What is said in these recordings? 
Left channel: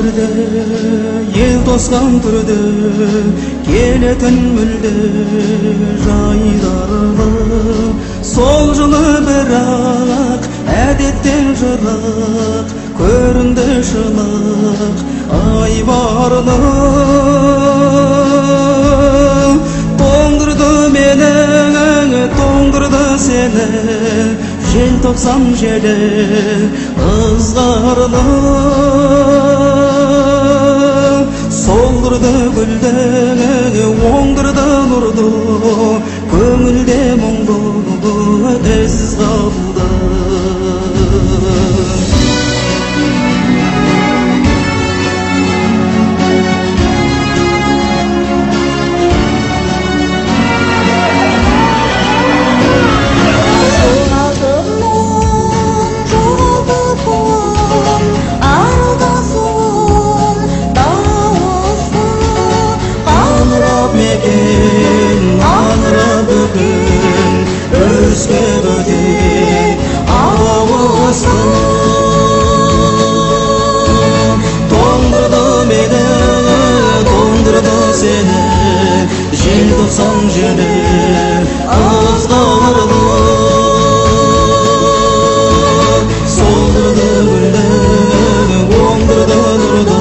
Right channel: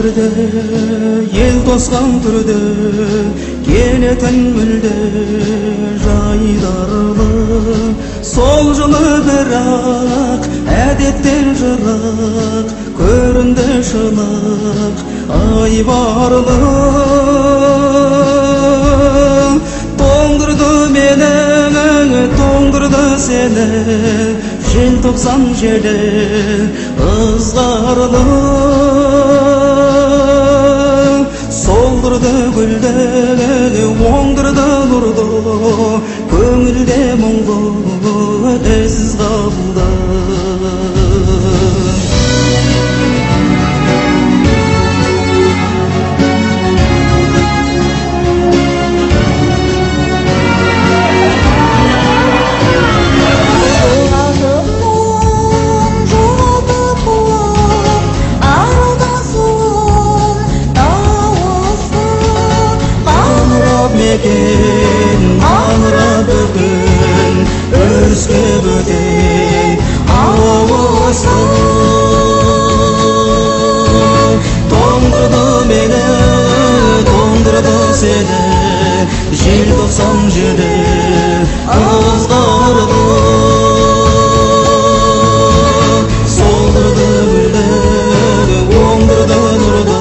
Birde ел тосқан түрде келетін мүлде жайдарлы сол жылы бірақ әдеттен жырақ көрінді шынық айбарлы тоңдырды мені тоңдырды сені желтоқсан желі ызғарлы солдырды гүлді оңдырды нұрды көңілде мұңды із қалды аңыра бүгін өріске бөтен ауысты тоңдырды мені тоңдырды сені желтоқсан желі ызғарлы солдырды гүлді оңдырды нұрды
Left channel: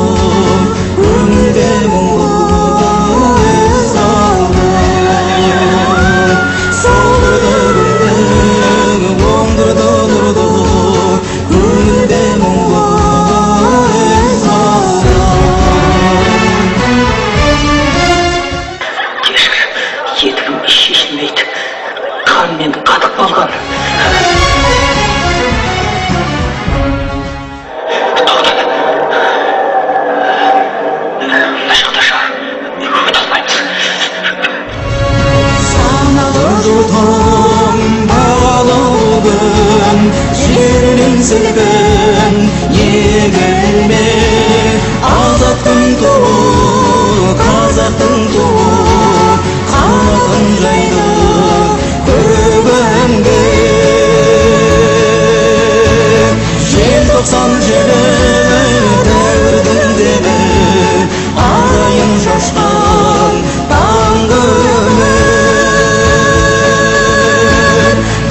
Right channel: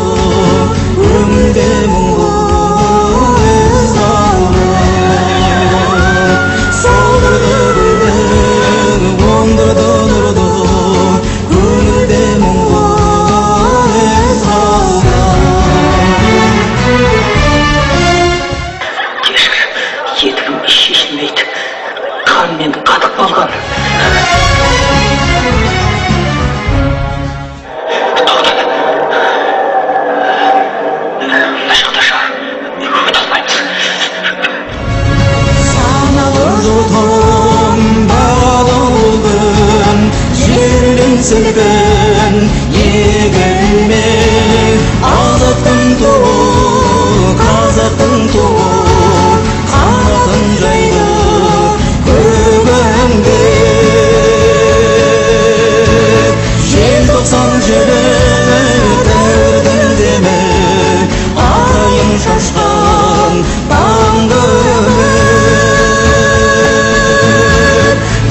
көңілде мұңды Сілкін егілме азаттың туы қазақтың туы қанатын жайды көгімде желтоқсан желі дәуірдің демі арайын шашқан таңғы үміт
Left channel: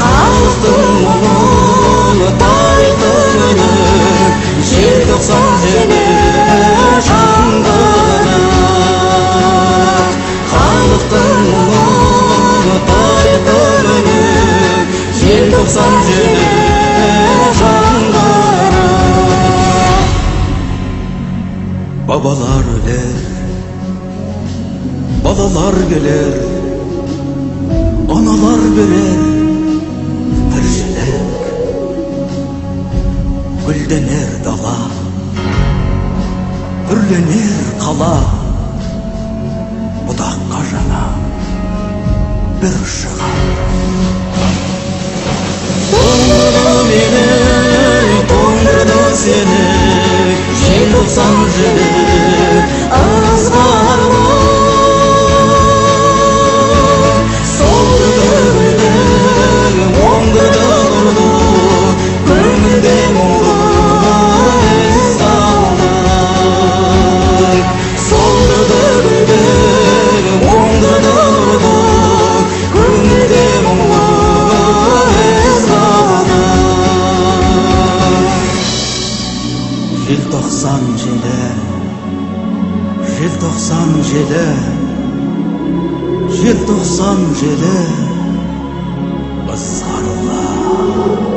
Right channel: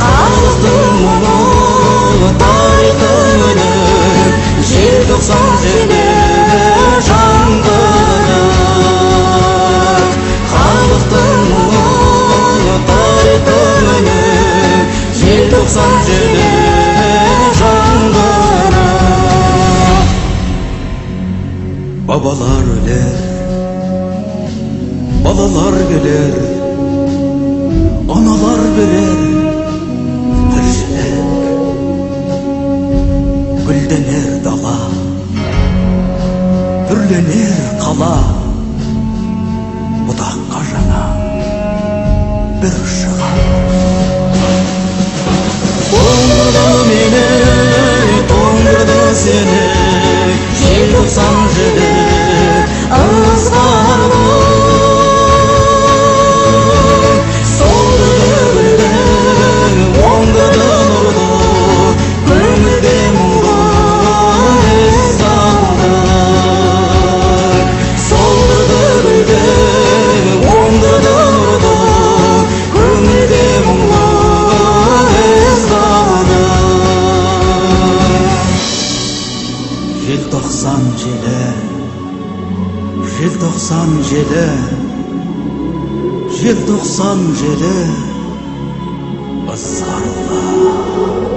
халықтың мұңы тарихтың үні желтоқсан желі жаңғырық халықтың мұңы тарихтың үні желтоқсан желі жаңғырық бабалар өлер балалар келер аналар берер тіршілік гүлденер дала үрленер қала бұтаққа жаңа бір шығам тоңдырды мені тоңдырды сені желтоқсан желі ызғарлы солдырды гүлді оңдырды нұрды көңілде мұңды желтоқсан желі желтоқсан желі желтоқсан желі ызғарлы